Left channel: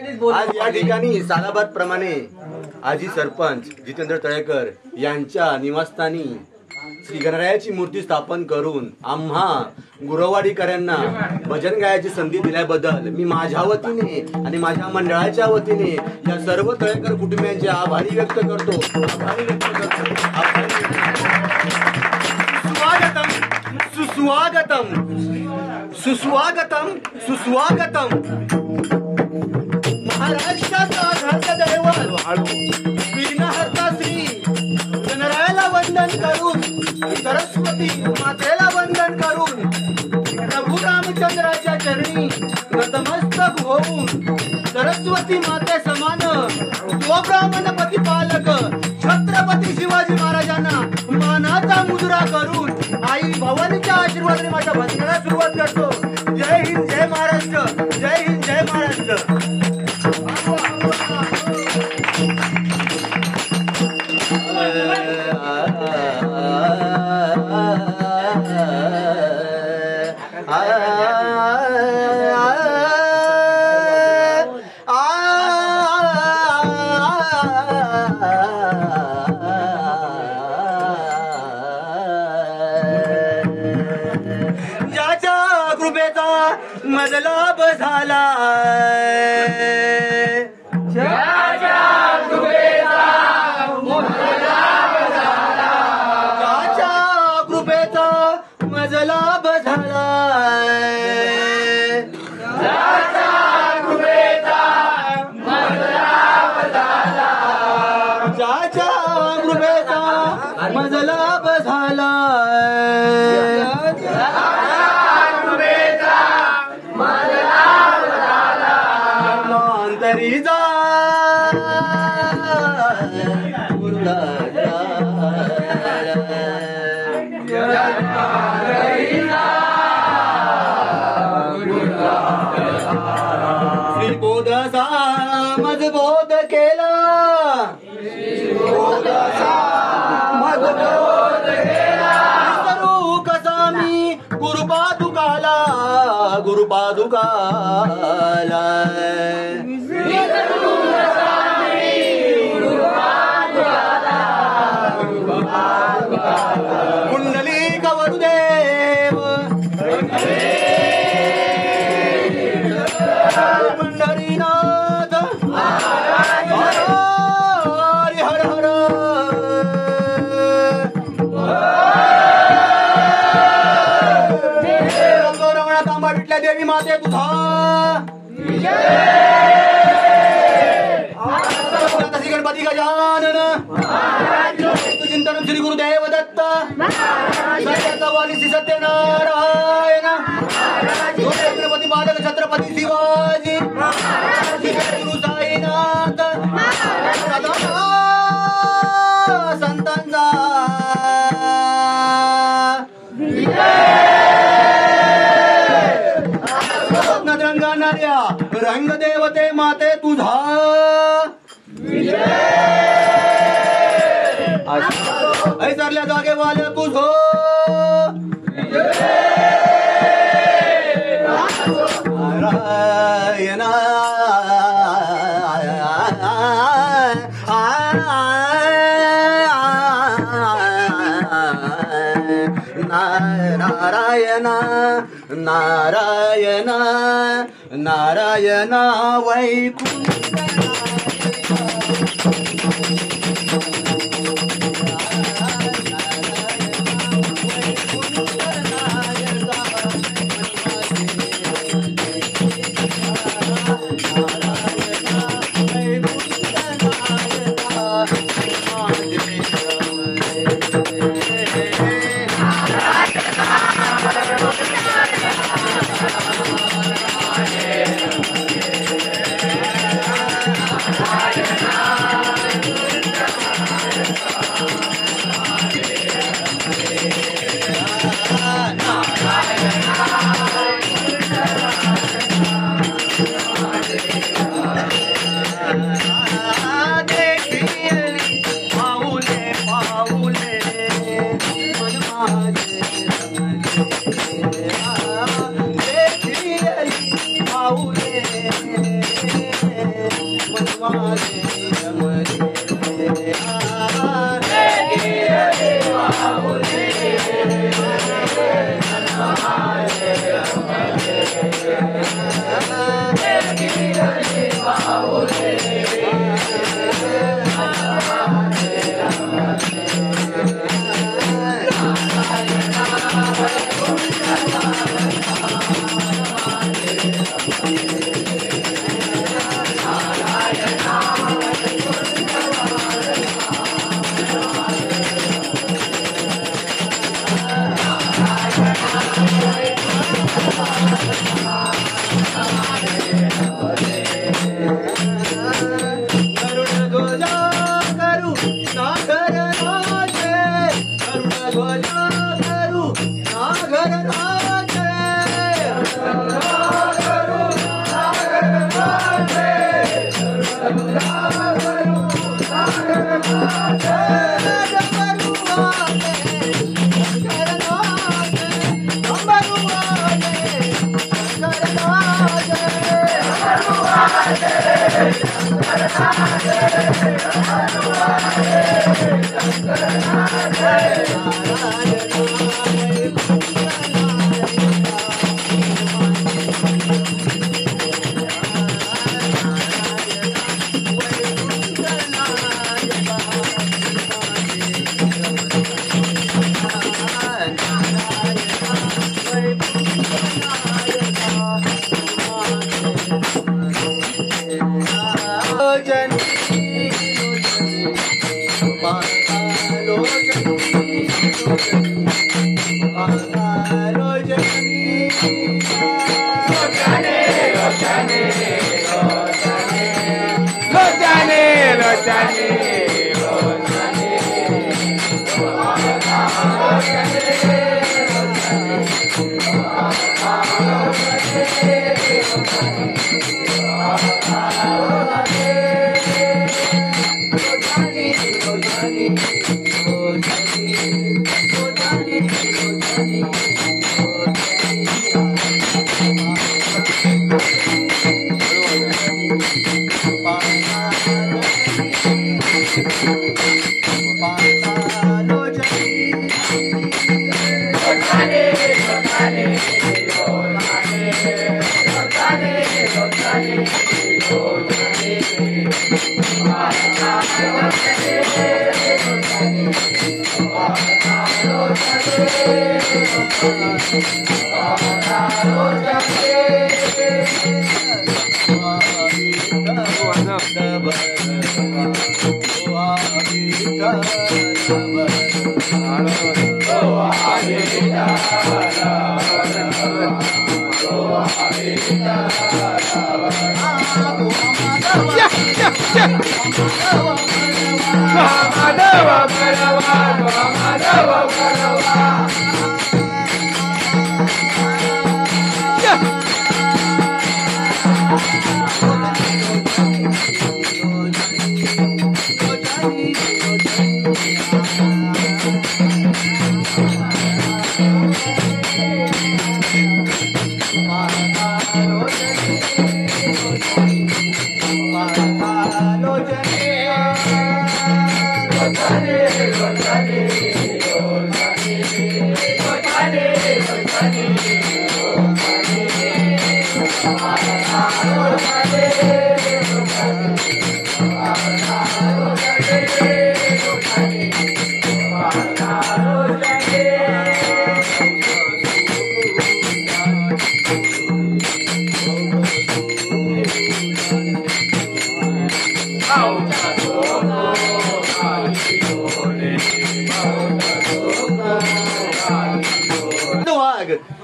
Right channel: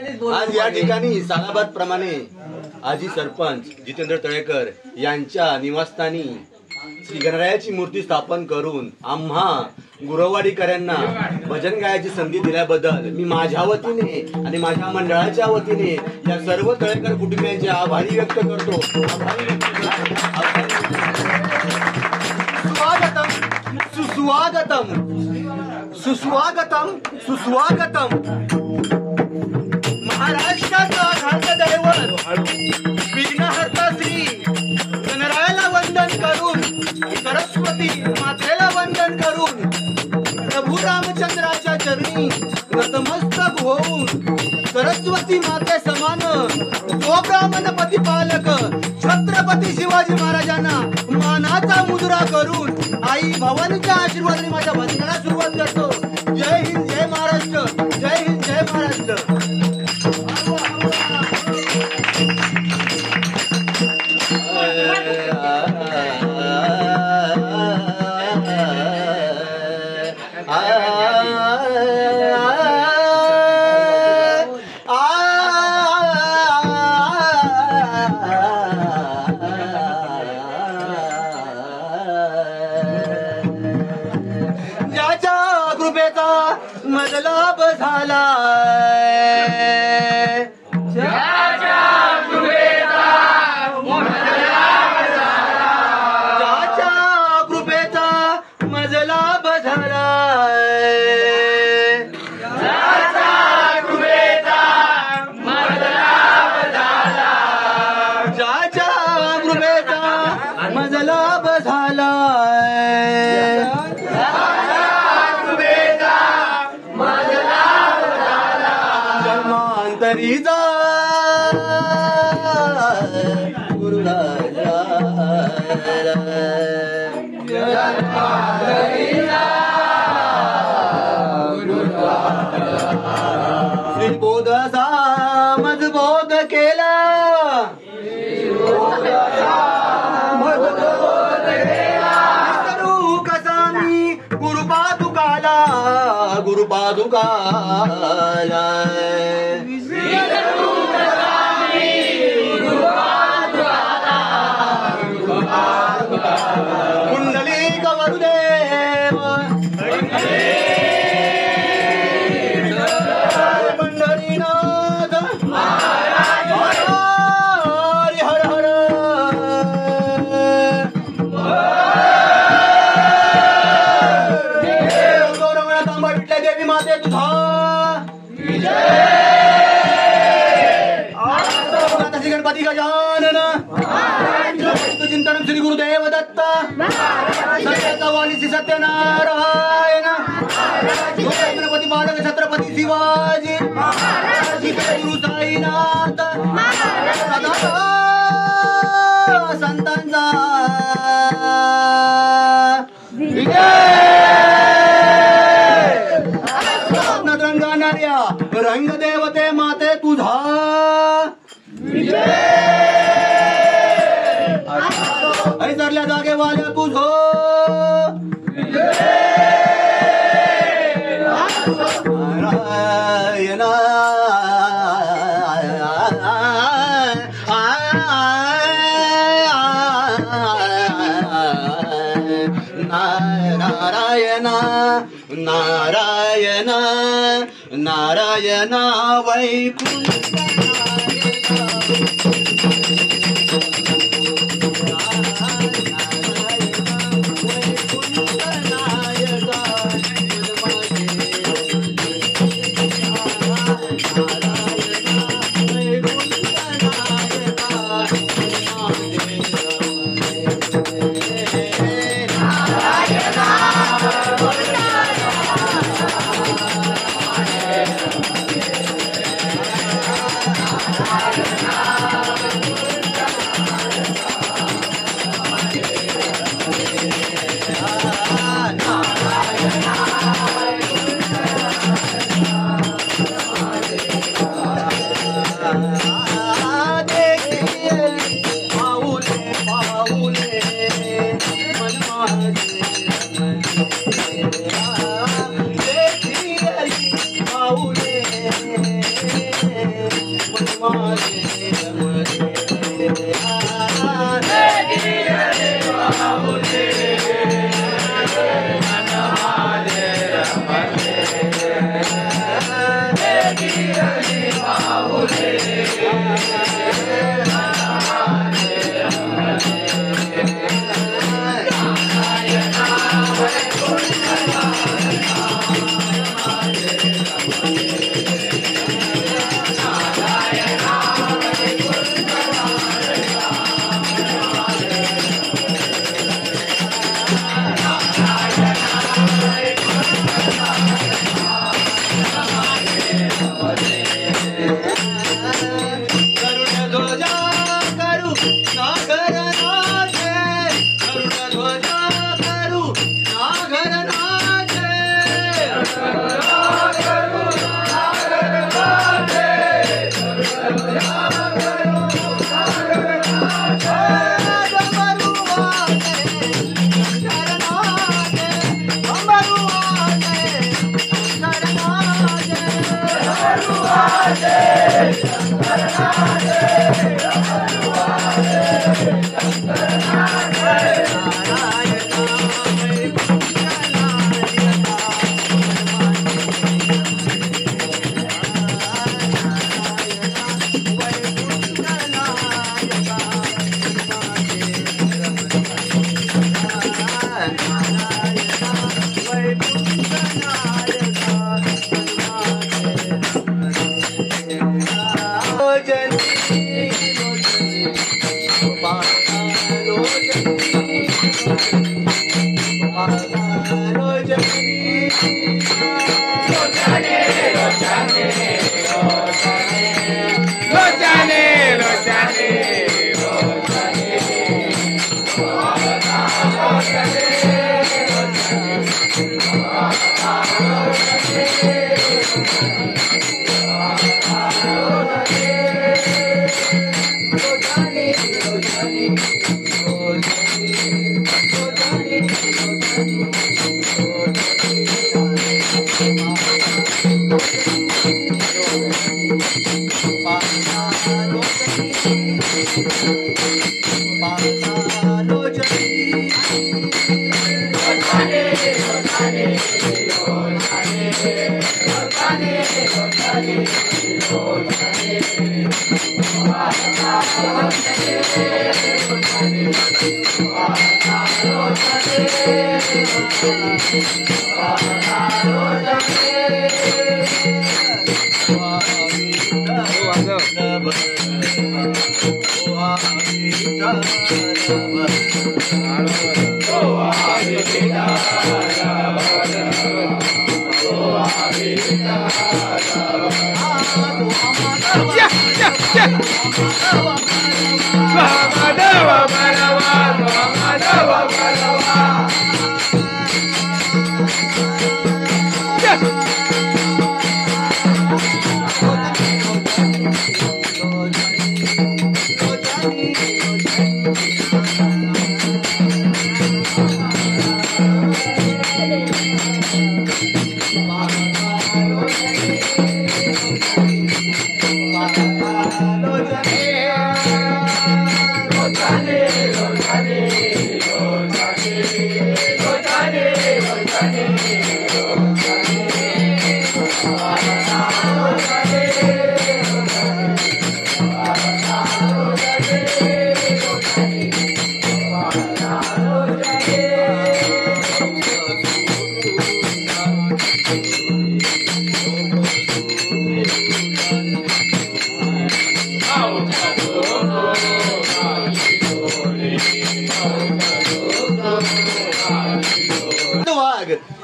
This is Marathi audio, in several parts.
आज या ठिकाणी सालाबाद प्रमाणे आजी सरपंच जितेंद्र तळेकर यांच्या निवासस्थानी श्री गणरायाची मूर्ती स्थापन करून आम्हा गुरवाडीकरांना भजन गायची संधी दिल्याबद्दल मी माझ्या वतीने आणि माझ्या मंडळाच्या वतीने या सर्व तळेकर कुटुंबियांचे आभारी व्यक्त करतो. स्वागतम सुस्वागतम सुस्वागतम सुस्वागतम. महाराष्ट्राचा घाटदैवत विघ्नहर्ता श्री गणरायाला वंदन करून सरस्वती मातेला वंदन करून प्रभू रामचंद्राच्या चरणी नतमस्तक होऊन सरस्वती माते समान तो ब्राह्मण प्रतिपालक छत्रपती शिवाजी महाराजांना मानाचा मुद्रा करून आई भवानीच्या आशीर्वादाने माझ्या भजनाला सुरुवात करतो. जय हिंद जय महाराष्ट्र. जय हिंद जय महाराष्ट्र. ज्याच्या कृपेचा मजलाभ झाला मजलाभ झाला ज्याच्या कृपेचा मजलाभ झाला जन्मांतरीचा बोधसा मजबोध केला कसा मी गुरुपादुकाला गुरुपादुकाला कुंडली गवरुदेव पंढरीनाथ हरि हर हर रंगोरंगणा तांबा विटल्या देवी माते तुझा गणपती गजानन चिंतन श्री गुरुदेव दत्त सत्याचा वाली श्री सत्यनारायण गणपती बालक छत्रपती शिवाजी गुरु साईनाथ सदा संतांचा रंगणाऱ्या रंगदेवते माते तुझा ऐसरल्या जागेवाल्या तुझो नारायणा नारायणा नारायणा नारायणा वैकुंठ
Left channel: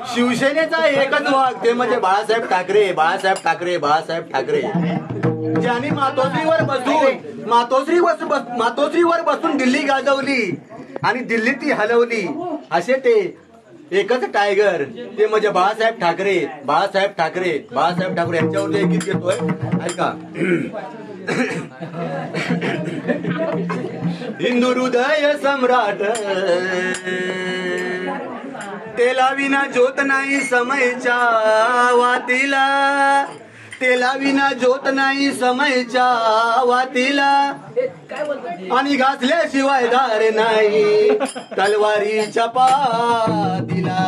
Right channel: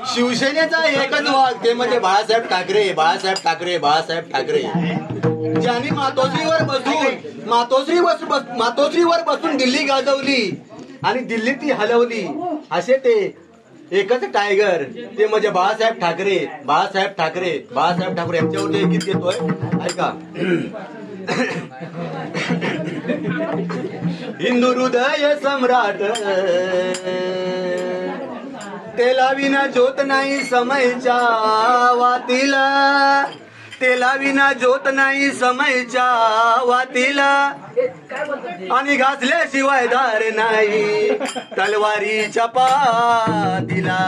शिवसेनेचा एकच वाघ ते म्हणजे बाळासाहेब ठाकरे बाळासाहेब ठाकरे बाळासाहेब ठाकरे ज्यांनी मातोश्रीवर बसून दिल्ली गाजवली आणि दिल्ली ती हलवली असे ते एकच टायगर ते म्हणजे बाळासाहेब ठाकरे बाळासाहेब ठाकरे बाळासाहेब ठाकरे यांच्यावर ते गीत घेतोय ऐका. हिंदू हृदय सम्राट तेला विना ज्योत नाही समयच्या वातीला तेला विना ज्योत नाही समयच्या वातीला आणि घासल्याशिवाय दार नाही तलवारीच्या पातीला.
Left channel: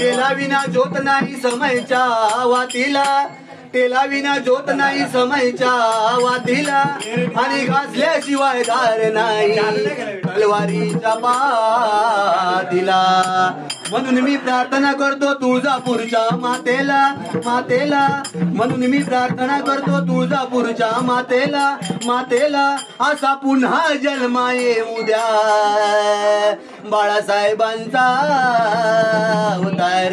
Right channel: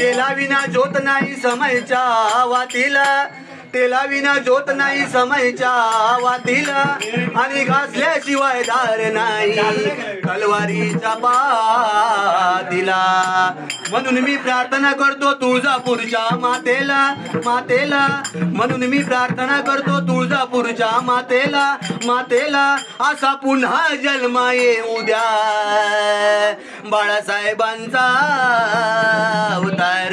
तेला विना ज्योत नाही समयच्या वातीला, तेला विना ज्योत नाही समयच्या वातीला आणि घासल्याशिवाय धार नाही तलवारीच्या पातीला. म्हणून मी प्रार्थना करतो तुळजापूरच्या मातेला, मातेला. म्हणून मी प्रार्थना करतो तुळजापूरच्या मातेला, मातेला. असा पुन्हा जन्मा येऊ द्या बाळासाहेबांचा अवतार.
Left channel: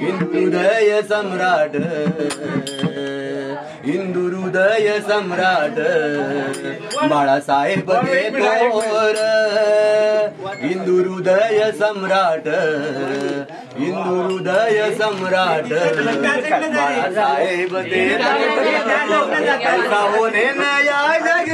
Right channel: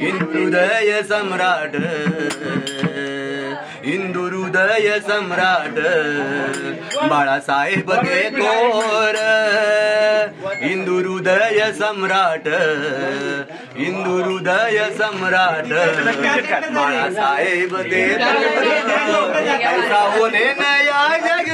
हिंदू हृदय सम्राट, हिंदू हृदय सम्राट बाळासाहेब थोर. हिंदू हृदय सम्राट, हिंदू हृदय सम्राट बाळासाहेब थोर. ऐसा होणे नया जग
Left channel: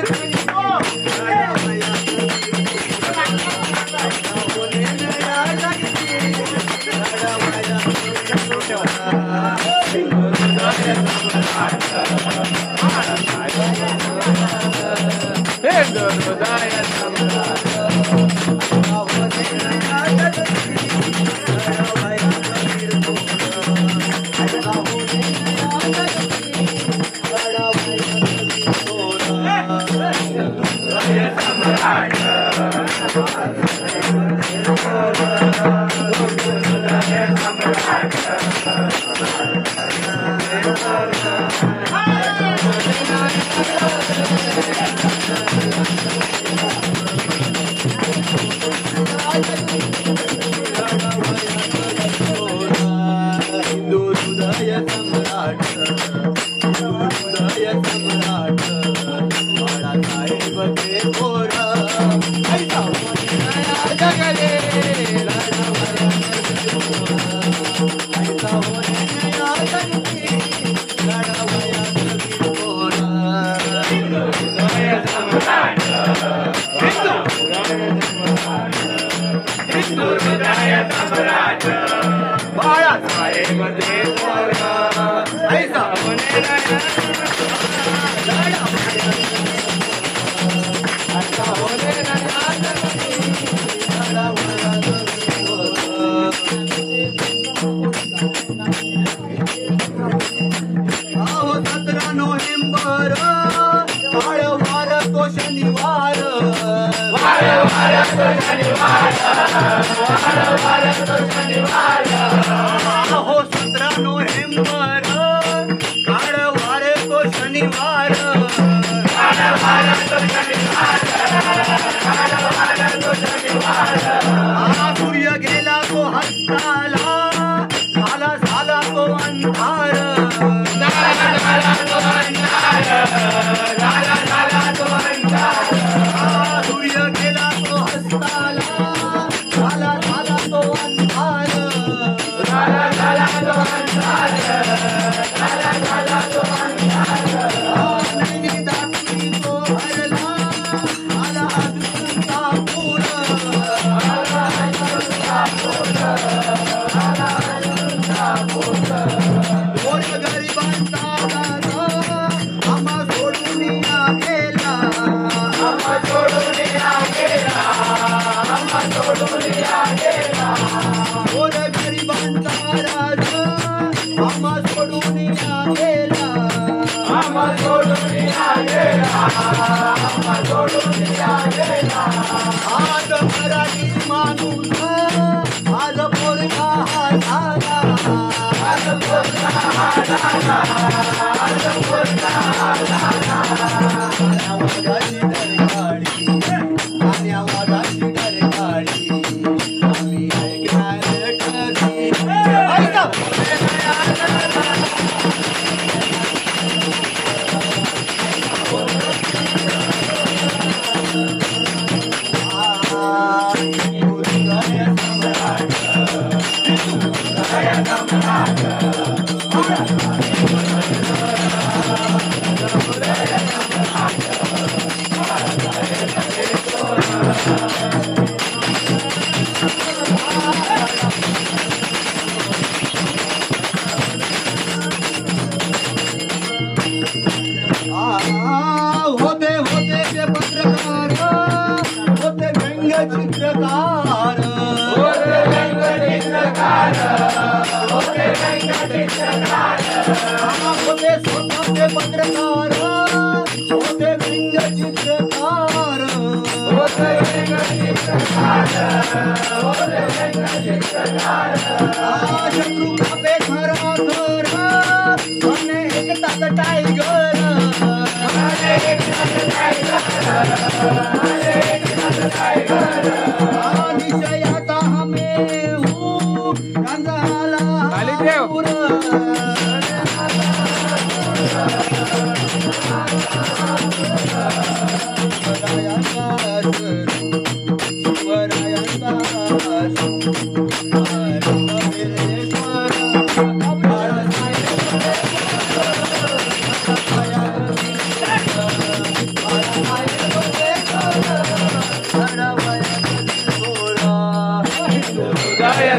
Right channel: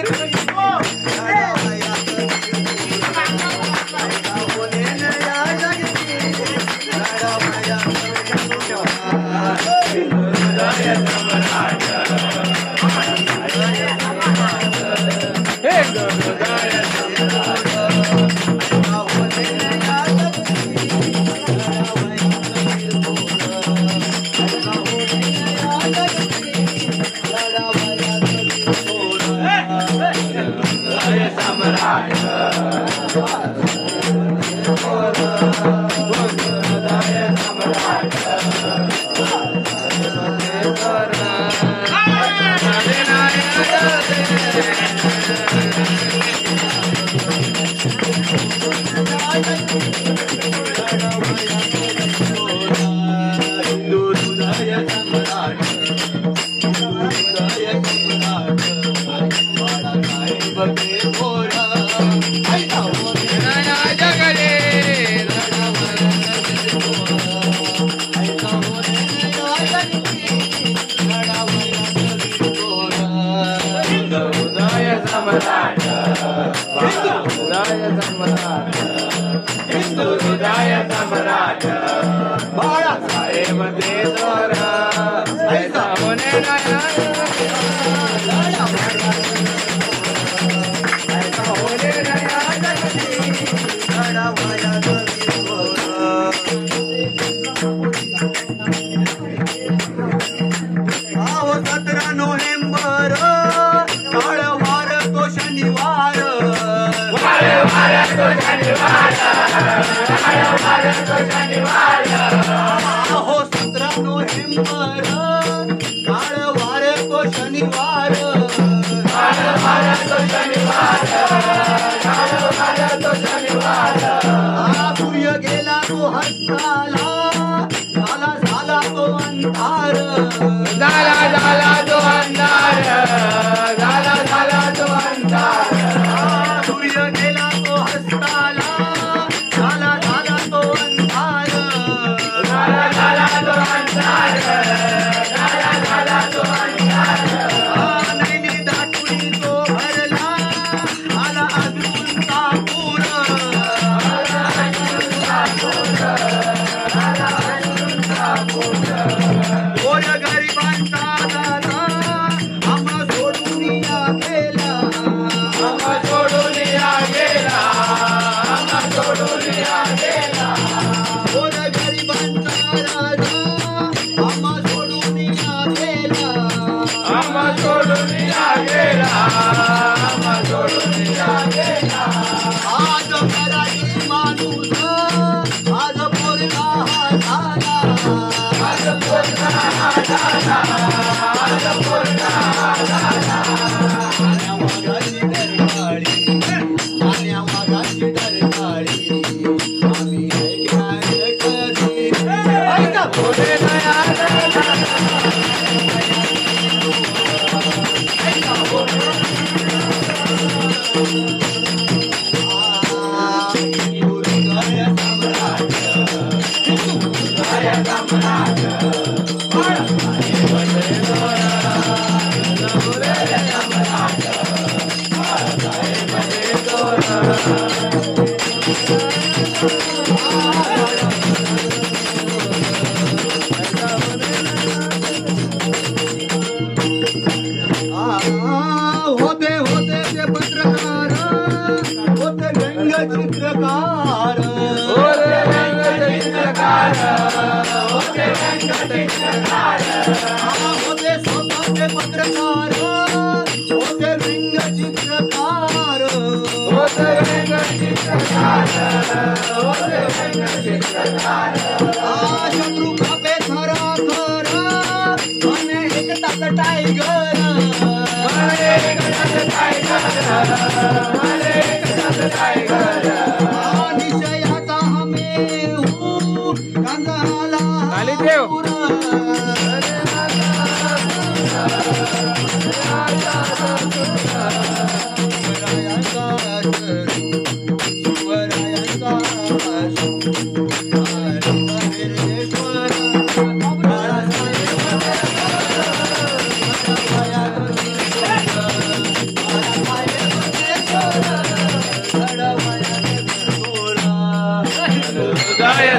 हो 17 नोव्हेंबर काळ वार तो शनिवार. सूर्य गेला तो हस्ताला, झाला झाला तो अंधार, झाला झाला तो अंधार, झाला झाला तो अंधार. सूर्य गेला तो हस्ताला, झाला झाला तो अंधार, झाला झाला तो अंधार, झाला झाला तो अंधार. नैनी दाटुनी तो भरला, आला अजूनचा पूर, आला अजूनचा पूर, आला अजूनचा पूर. गोर गरिबांचा दादा आम्हा सोडून या गेला, आम्हा सोडून या गेला, आम्हा सोडून या गेला. गोर गरिबांचा राजा आम्हा सोडून या गेला, आम्हा सोडून या गेला, आम्हा सोडून या गेला. आज मराठी माणूस आज पोरगा हा झाला, आज पोरगा हा झाला, आज पोरगा हा झाला. आण्या वाघाची डरकाळी, आण्या वाघाची डरकाळी आम्ही ऐकणार कधी. ऐका पोरगा सम्राट. होते स्वतःचे पत्रकार होते व्यंगचित्रकार शत्रू खापे खरा खरा आणि एकताच टायगर निश्चयाचा हमें कांगाला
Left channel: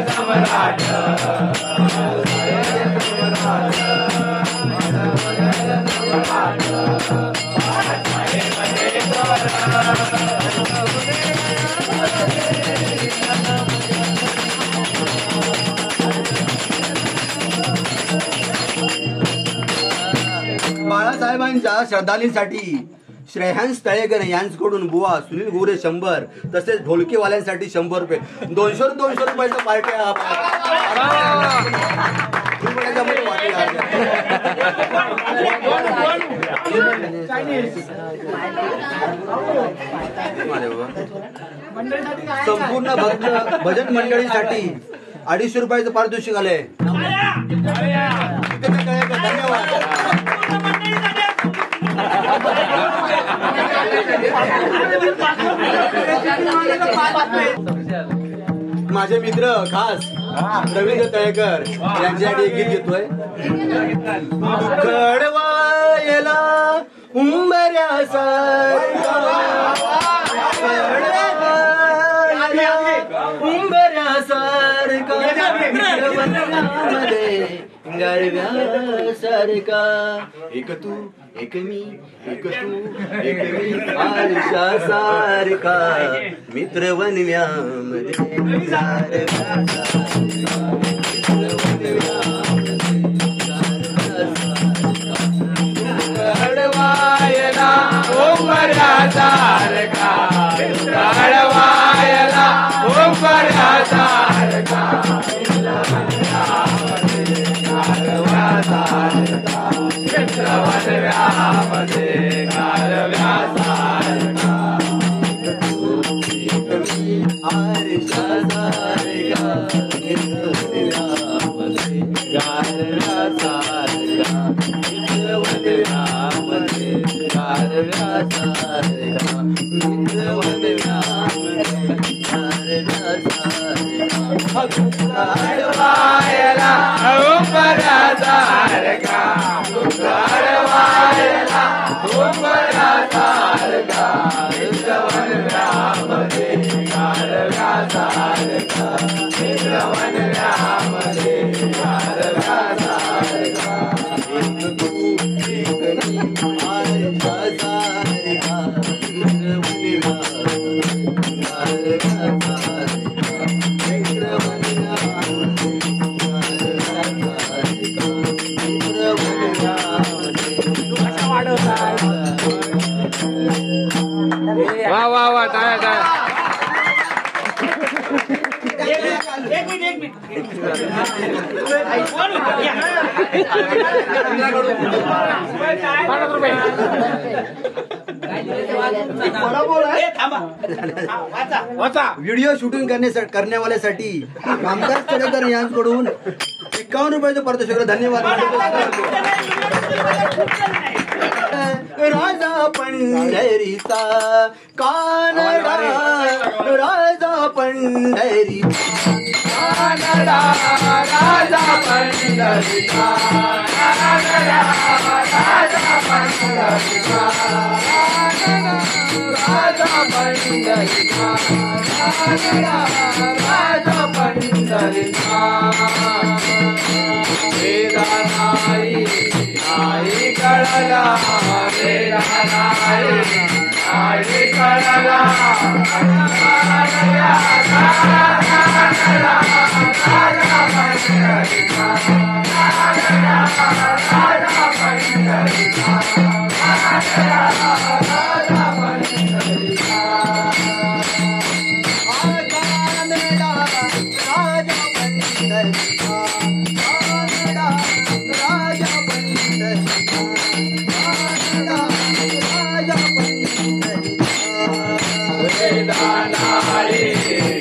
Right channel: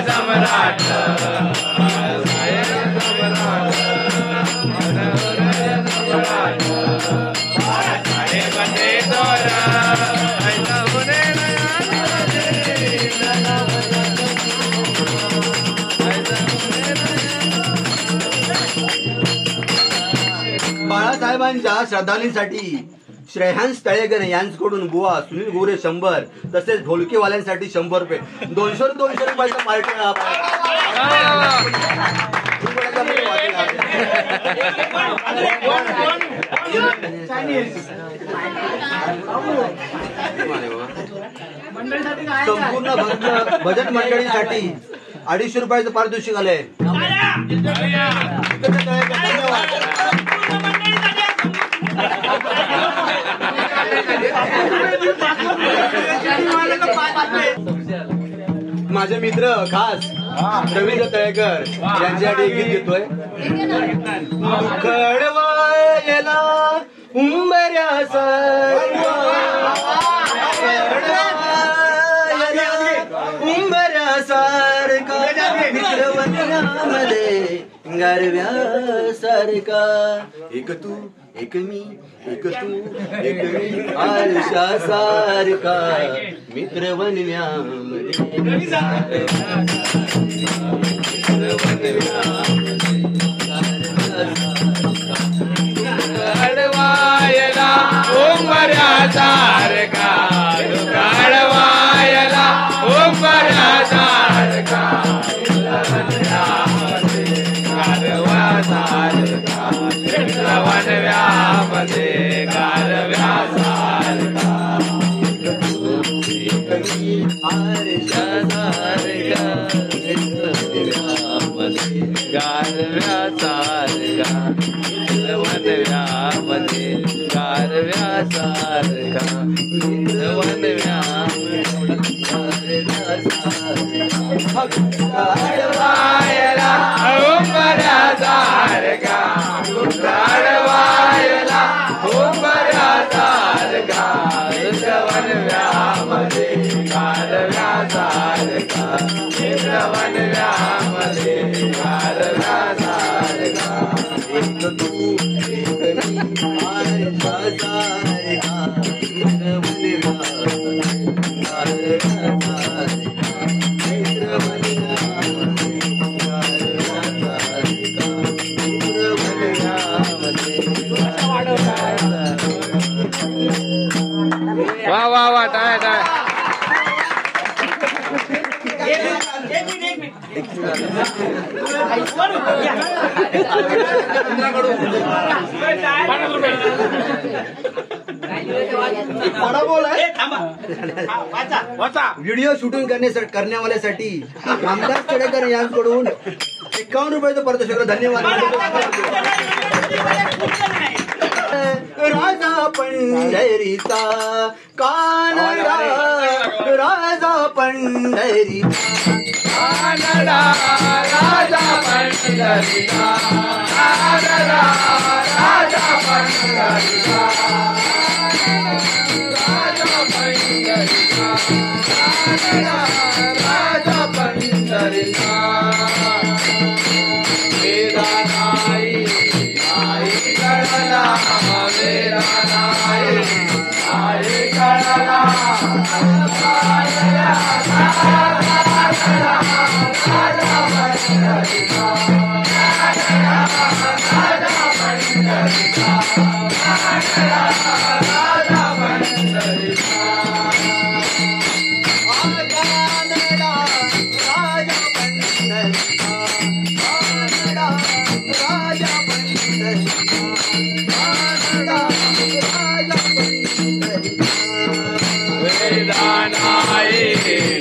सम्राट बाळासाहेबांच्या श्रद्धांजलीसाठी श्रेयांश तळेकर यांच्याकडून बुवा सुनील गोरे 100 तसेच ढोलकेवाल्यांसाठी 100 रुपये 200 रुपयाच्या पार्ट्या संपूर्ण भजन मंडळीसाठी 250 रुपयाचं पारितोषिक आलंय. धन्यवाद. माझे मित्र खास रवींद्र तळेकर यांच्यासाठी एक गीत घेतोय. कडवायला उंबऱ्यासारखा गारव्यासारखा एक तू एक मी आरशासारखा मित्र वनव्यामध्ये काढवायला उंबऱ्यासारखा काढवायला उंबऱ्यासारखा गारव्यासारखा वनव्यामध्ये गारव्यासारखा आरशासारखा गारव्यासारखा वनव्यामध्ये गारव्यासारखा काढवायला उंबऱ्यासारखा काढवायला उंबऱ्यासारखा वनव्यामध्ये गारव्यासारखा वनव्यामध्ये गारव्यासारखा एक तू एक मी आरशासारखा वाह वाह वाह टाळ्या टाळ्या. व्हिडिओ शूटिंग करण्यावाल्यासाठी रामदास तळेकर यांच्याकडून 51 रुपयाचं पारितोषिक. धन्यवाद. राजा पंढरीचा कानडा राजा पंढरीचा कानडा राजा पंढरीचा कानडा राजा पंढरीचा राजा पंढरीचा कानडा राजा पंढरीचा वेदा नाही नाही करला वेदा नाही नाही करला राजा पंढरीचा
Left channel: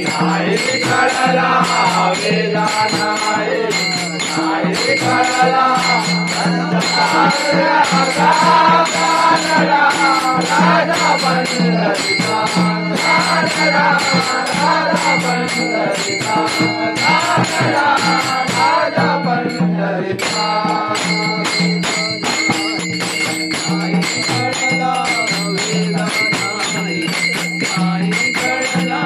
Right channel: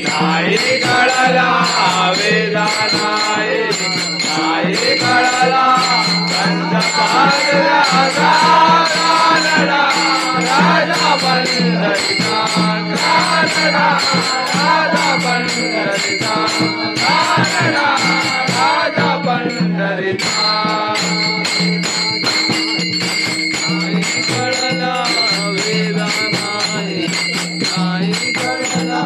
नाही कळला वेदा नाही कळला पंचपादला राजा पंढरीचा राजा पंढरीचा राजा पंढरीचा नाही कळला वेदा नाही कळला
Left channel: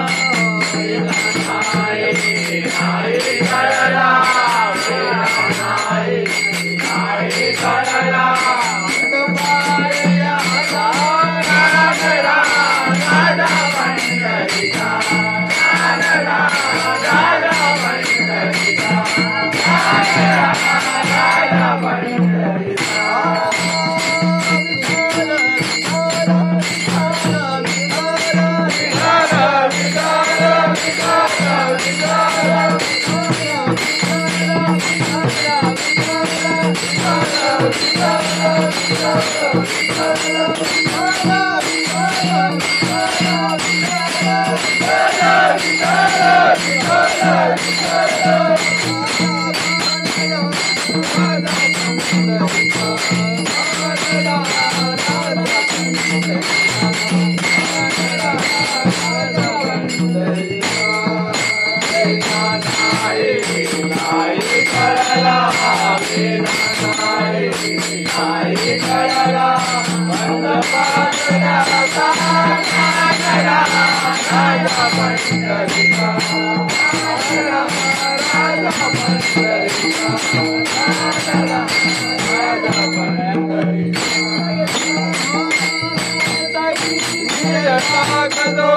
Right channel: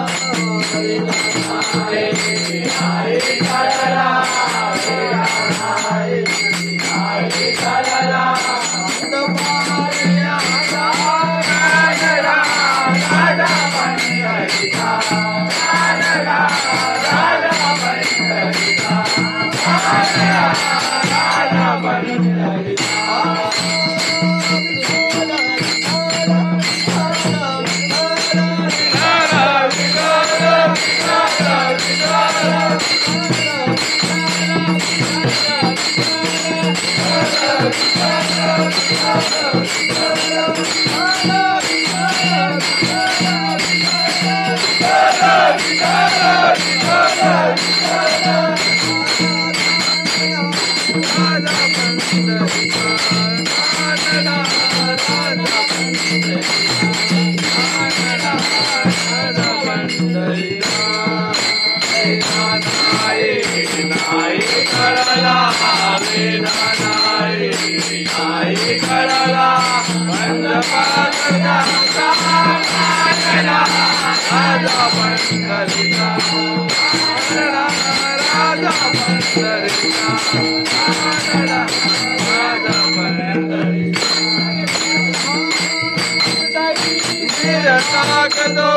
राखदो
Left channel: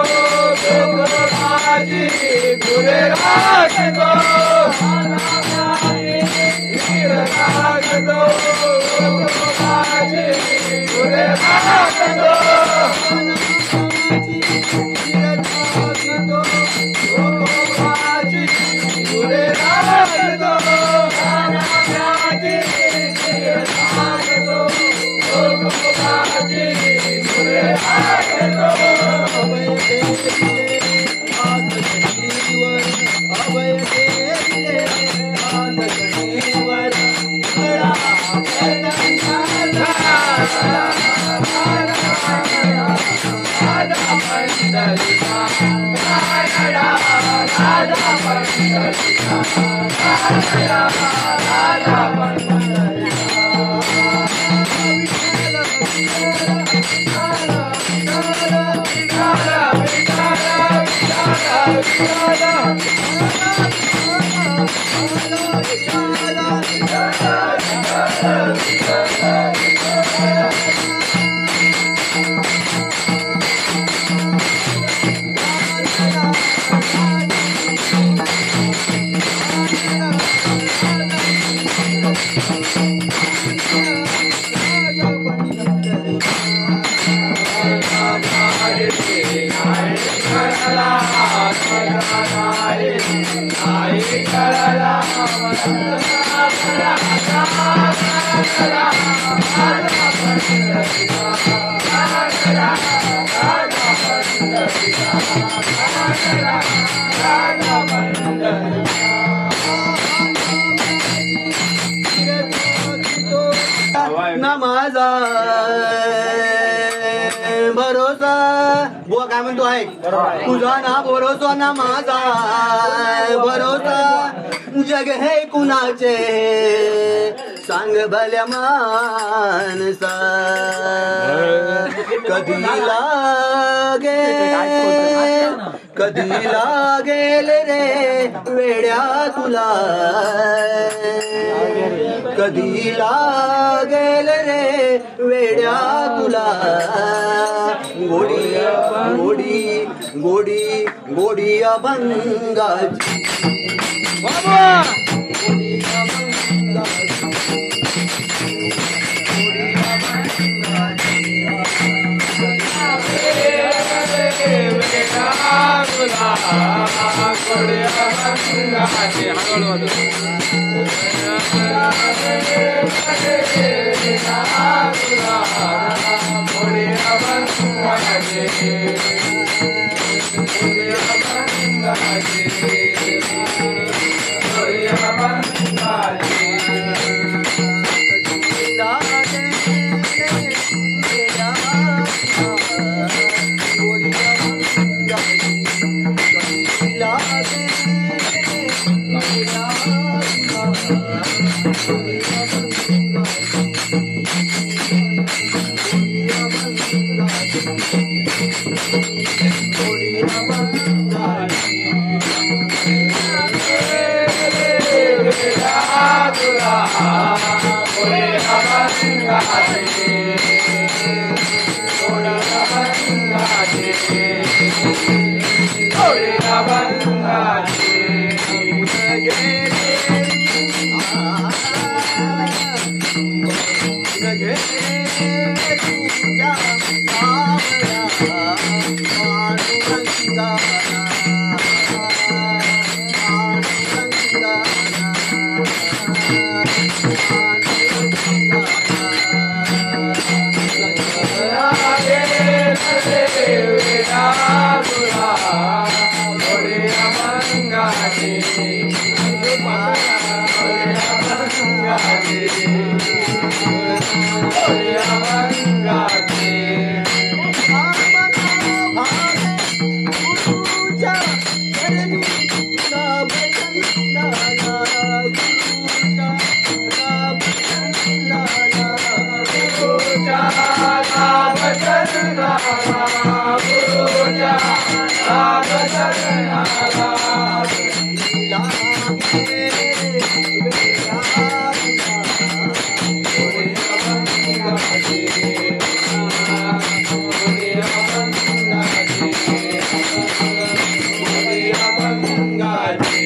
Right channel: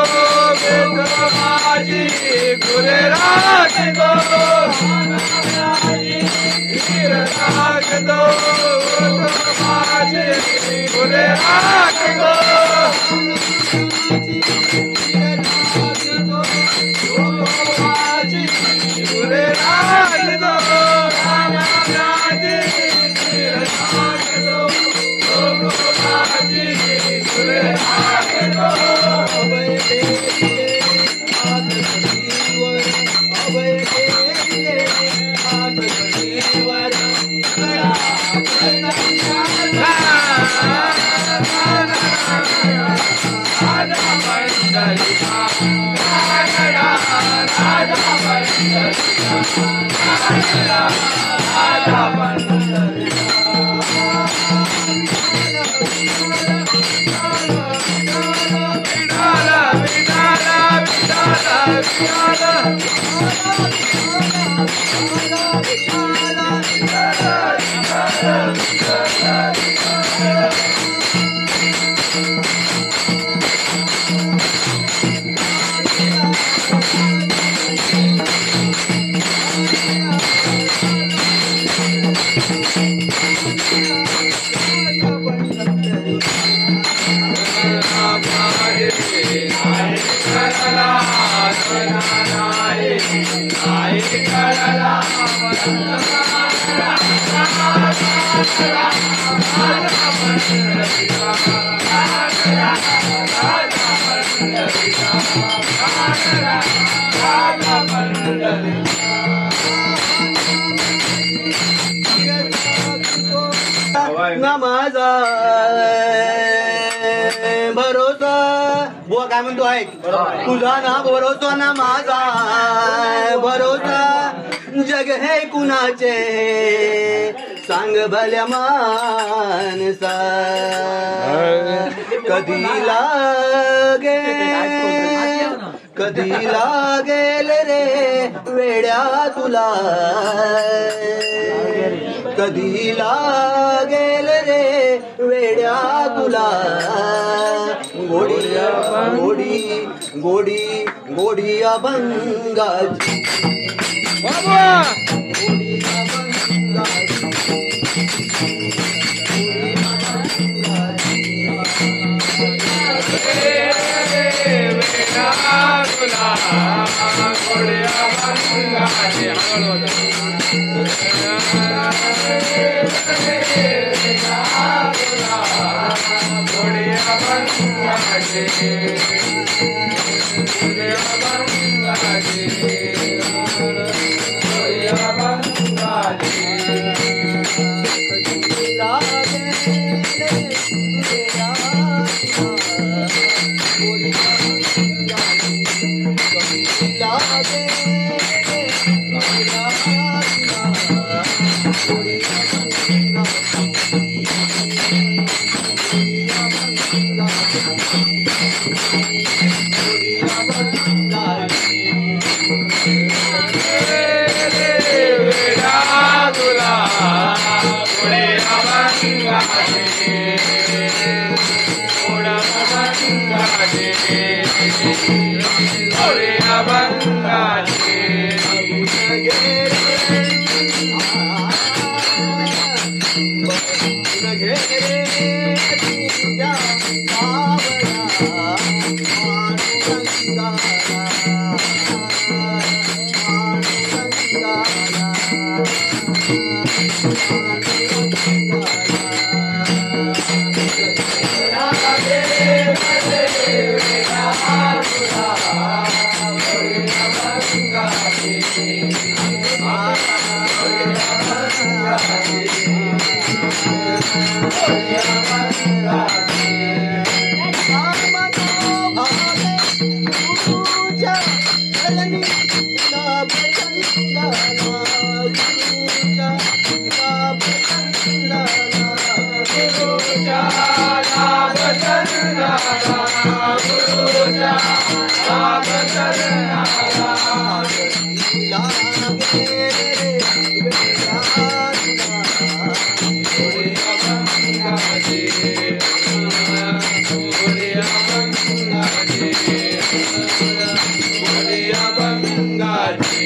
बेटो माझी गुरे राखदो राखदो माझी गुरे राखदो माझी गुरे राखदो माझी गुरे राखदो नमाजा भरोसा बुवा काय म्हणतो आहे तुझा ना भरोसा ना माझा भरोसा जग हे कुणाचे सांग भल्या मानसा कधी लागेल रे वेड्या तुला कधी लागेल रे वेड्या तुला गोडी गोडी गोडी गोडी अभंगाची गोडी अभंगाची गोडी अभंगाची गोड्या बंगाचे हळूहळू गोड्या बंगाचे गोड्या बंगाचे गोड्या बंगाचे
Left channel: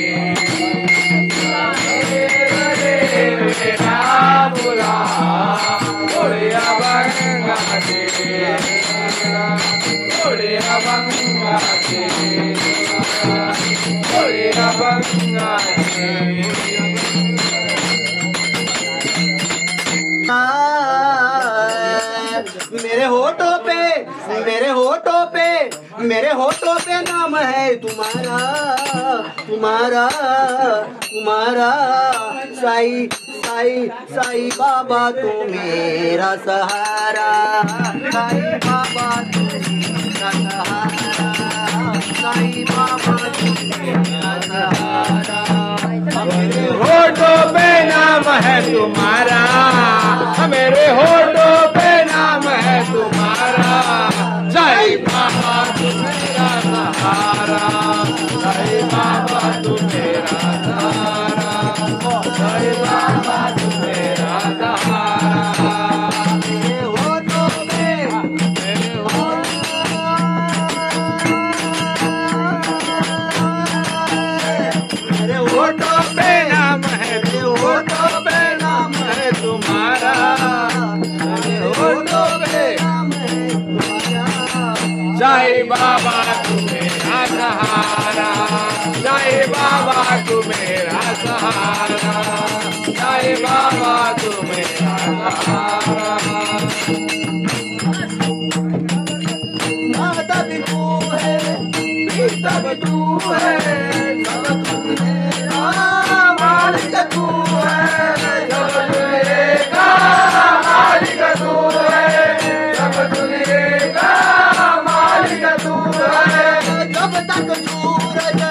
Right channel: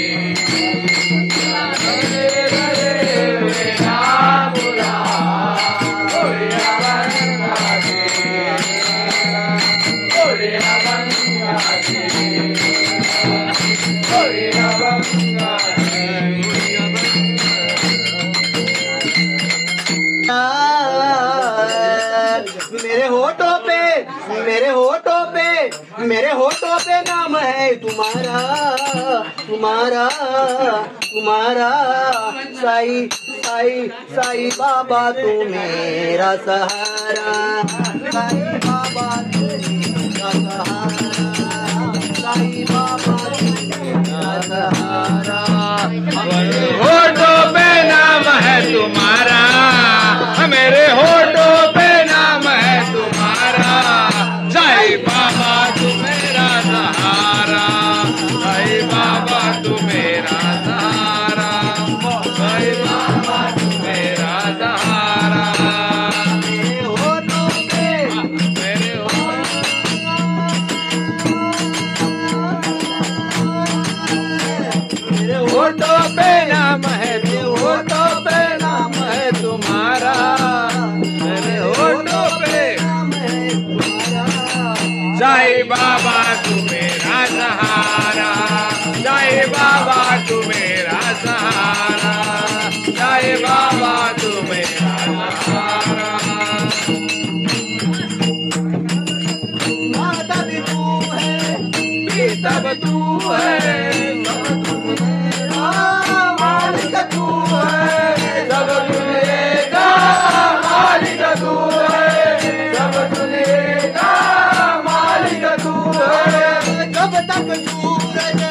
मेरे होठों पे नाम है तुम्हारा तुम्हारा तुम्हारा साई साई साई बाबा तू मेरा सहारा साई बाबा तू मेरा सहारा साई बाबा तू मेरा सहारा होठों पे नाम है तुम्हारा मेरे होठों पे नाम है तुम्हारा साई बाबा तू मेरा सहारा साई बाबा तू मेरा सहारा साई बाबा तू मेरा सहारा मेरे होठों पे मेरे मेरे होठों पे नाम है होठों पे नाम है तुम्हारा मेरे होठों पे नाम है तुम्हारा साई बाबा तू मेरा सहारा साई बाबा तू मेरा सहारा साई बाबा तू मेरा सहारा माता भी तू है पिता भी तू है सब तू मेरा मालिक तू है सब दुनिया मालिक तू है सब दुनिया मालिक तू है कब तक सूरज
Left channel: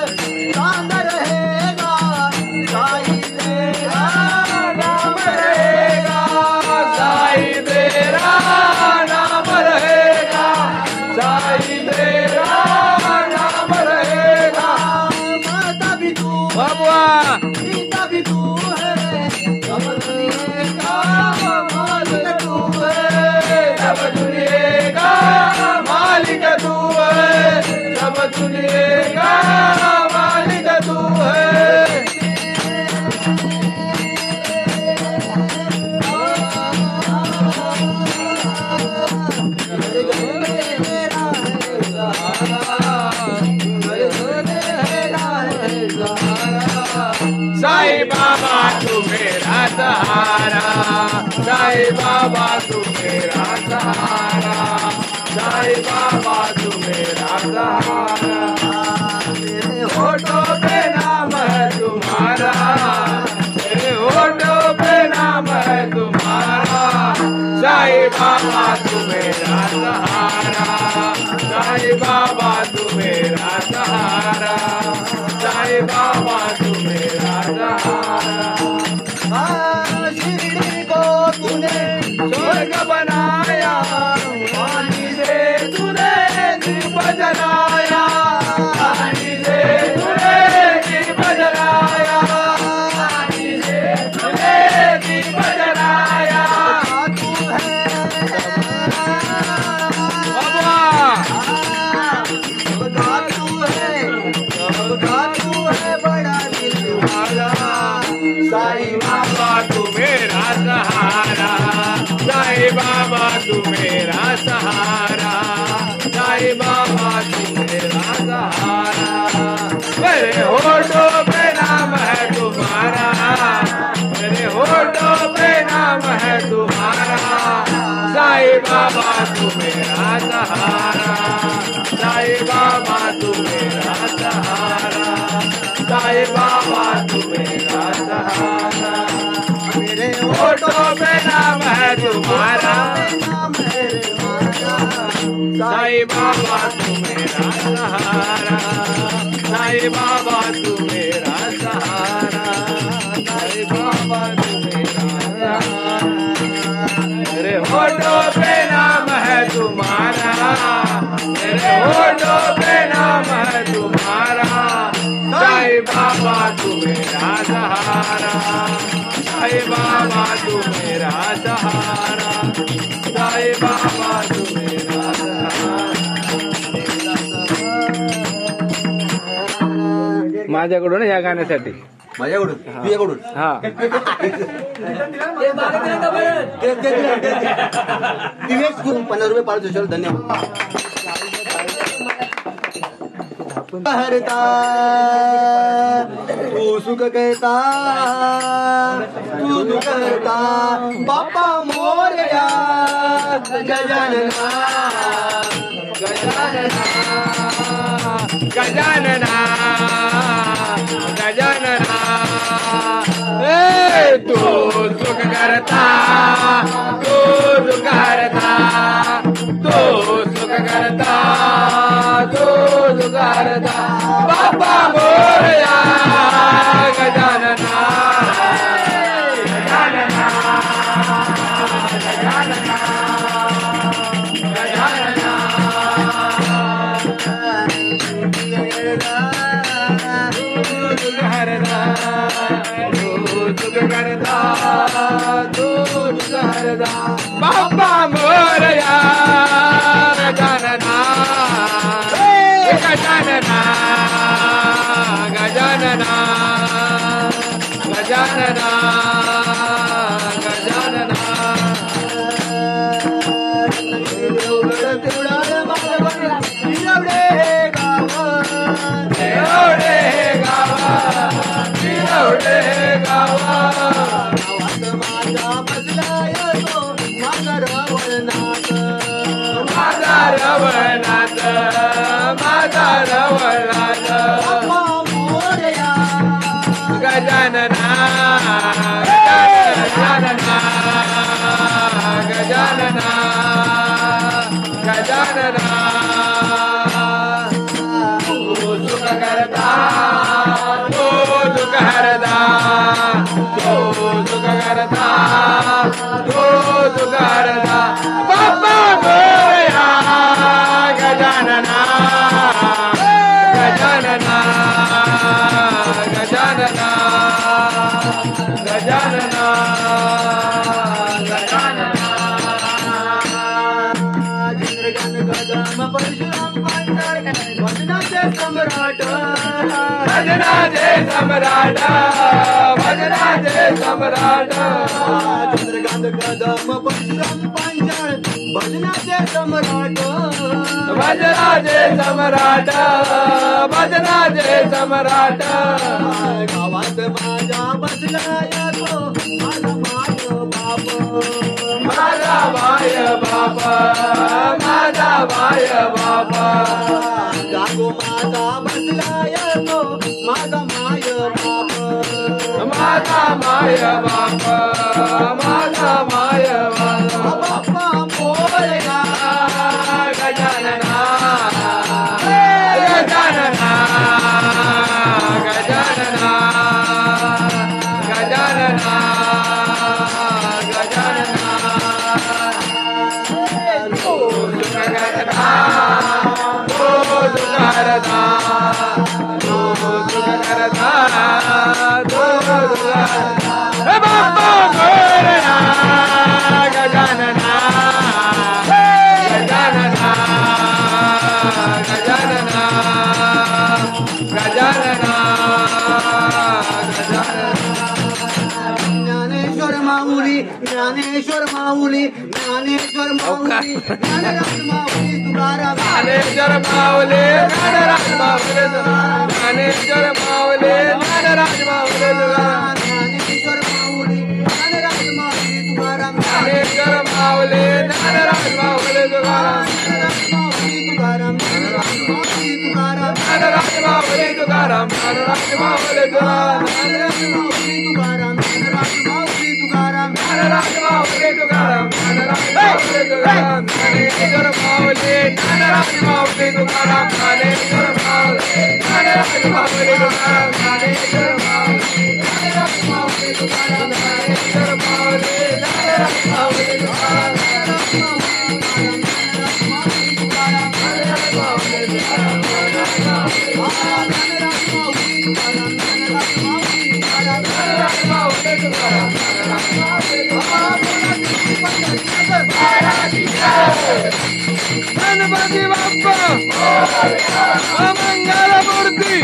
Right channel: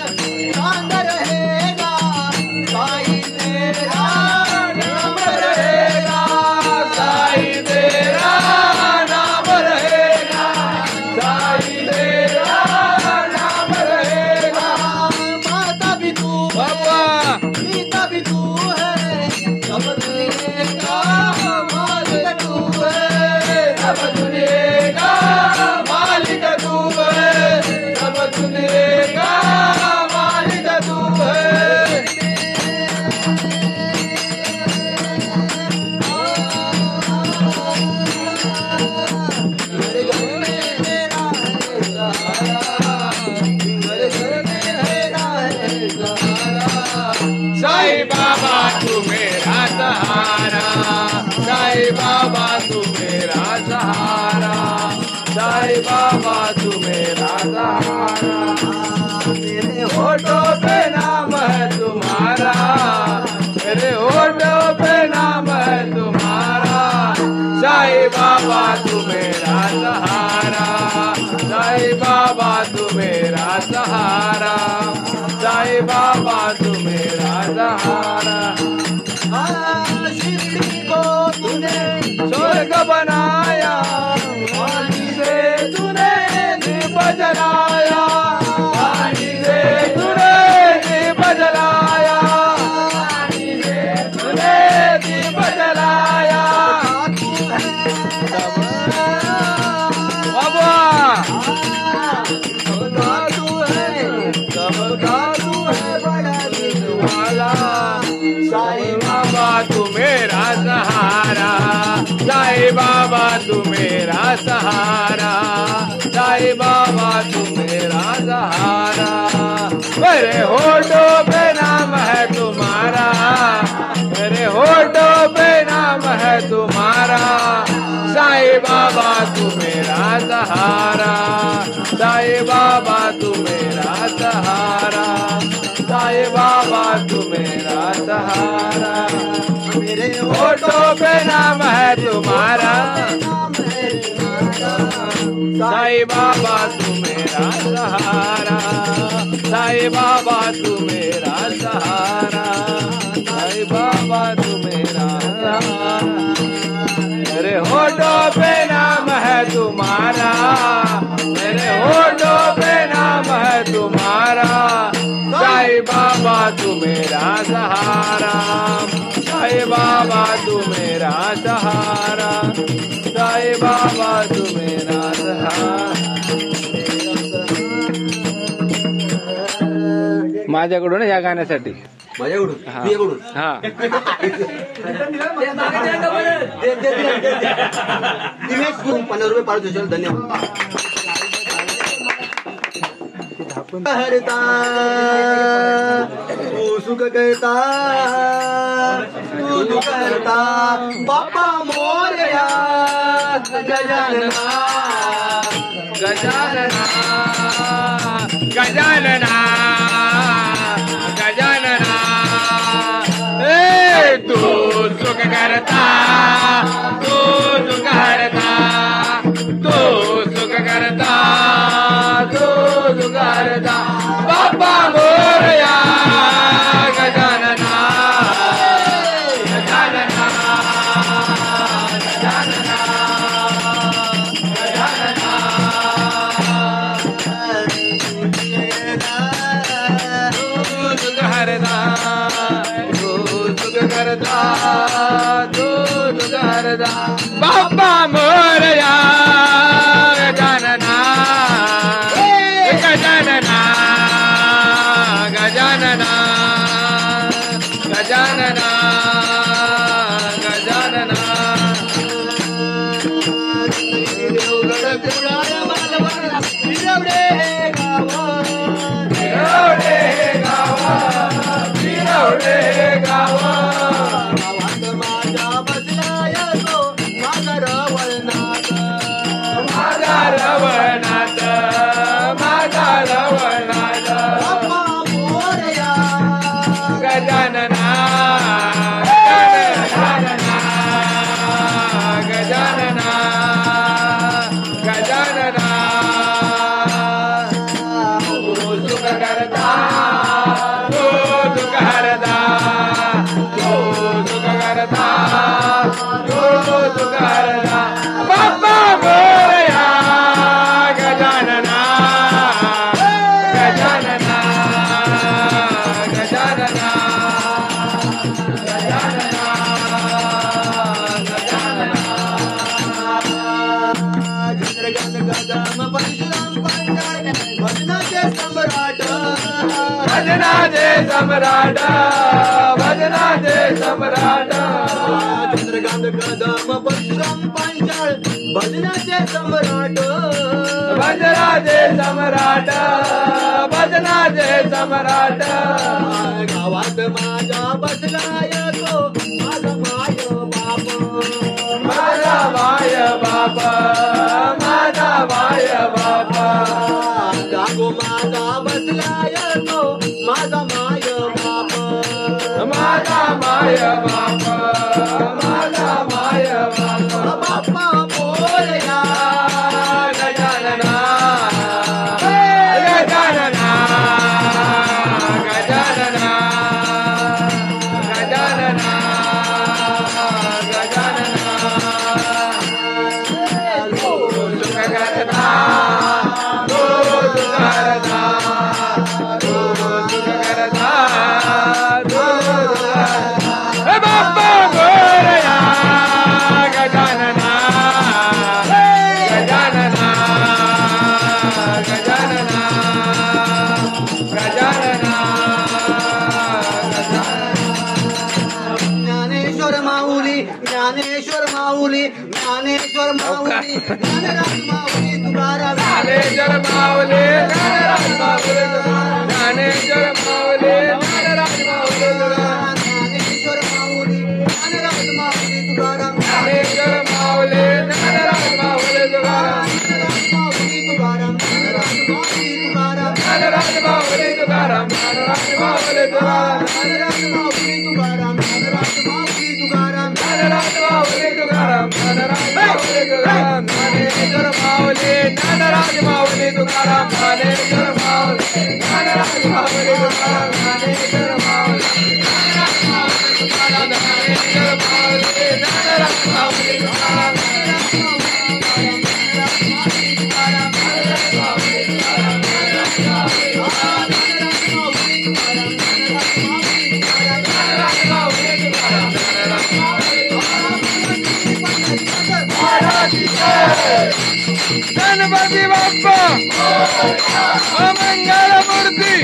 चांद रहेगा साई तेरा नाम रहेगा साई तेरा नाम रहेगा साई तेरा नाम रहेगा साई बाबा तू मेरा सहारा, साई बाबा तू मेरा सहारा। मेरे होठों पे नाम है तुम्हारा, मेरे होठों पे नाम है तुम्हारा, साई बाबा तू मेरा सहारा, साई बाबा तू मेरा सहारा, साई बाबा तू मेरा सहारा। शिरडी को तूने स्वर्ग बनाया, पानी से तूने दीप जलाया, पानी से तूने दीप जलाया, पानी से तूने दीप जलाया। बाबा तू है, सबका तू है बड़ा दिलवाला, साई बाबा तू मेरा सहारा, साई बाबा तू मेरा सहारा, साई बाबा तू मेरा सहारा। मेरे होठों पे नाम है तुम्हारा, मेरे होठों पे नाम है तुम्हारा, साई बाबा तू मेरा सहारा, साई बाबा तू मेरा सहारा, साई बाबा तू मेरा सहारा। मेरे होठों पे नाम है तुम्हारा, साई बाबा तू मेरा सहारा, साई बाबा तू मेरा सहारा, साई बाबा तू मेरा सहारा। मेरे होठों पे नाम है तुम्हारा, मेरे होठों पे नाम है तुम्हारा, साई बाबा तू मेरा सहारा, साई बाबा तू मेरा सहारा, साई बाबा तू मेरा सहारा। माझ्याकडून या गाण्यासाठी माझ्याकडून तुझ्याकडून हा 50 रुपये पाच दिवसाला धन्यवाद. हरता तू सुख करता तू दुख करता बाप्पा मोरया गजानना गजानना गजानना गजानना ए तू सुख करता तू दुख हरता तू सुख करता तू दुख हरता बाबा मोरया गजानना गजानना गजानना हरदा दूध करदा दूध करदा बाबा मोरया गजानना गजानना गजानना गजानना गजानना देवगड देवळार मालवण फिरवडे गावा फिरवडे गावा फिरवडे गावा गावात माझ्या बसलाय तो माझा रवळनाथ माझा रवळनाथ माझा रवळनाथ बाप्पा मोरया गजानना गजानना गजानना गजानना तू सुख करता तू दुख हरता तू सुख करता तू दुख हरता बाप्पा मोरया गजानना गजानना गजानना गजानना गजानना भजनाचे सम्राट भजनाचे सम्राट चंद्रकांत कदम परशुराम पांचाळ भजनाचे सम्राट भजनाचे सम्राट भजनाचे सम्राट गावात माझ्या बसलाय तो माझा माय माय बापा माझा माय बापा मोरया गजानना गजानना गजानना गजानना गजानना सुख करता सुख करता सुख करता हे बाप्पा मोरया गजानना गजानना गजानना गजानना ज्ञानेश्वर माऊली ज्ञानेश्वर माऊली ज्ञानेश्वर माऊली ज्ञानराज माऊली तुकाराम ज्ञानेश्वर माऊली ज्ञानराज माऊली ज्ञानेश्वर माऊली ज्ञानराज माऊली ज्ञानेश्वर माऊली ज्ञानराज माऊली तुकाराम ज्ञानेश्वर माऊली ज्ञानराज माऊली तुकाराम ज्ञानराज माऊली तुकाराम ज्ञानराज माऊली तुकाराम ज्ञानराज माऊली तुकाराम ज्ञानराज माऊली तुकाराम ज्ञानराज माऊली तुकाराम ज्ञानराज माऊली तुकाराम ज्ञानराज माऊली तुकाराम ज्ञानेश्वर माऊली ज्ञानराज माऊली तुकाराम ज्ञानेश्वर माऊली ज्ञानराज माऊली तुकाराम ज्ञानेश्वर माऊली ज्ञानराज माऊली तुकाराम ज्ञानेश्वर माऊली ज्ञानराज माऊली तुकाराम गणपती बाप्पा मंगल मूर्ती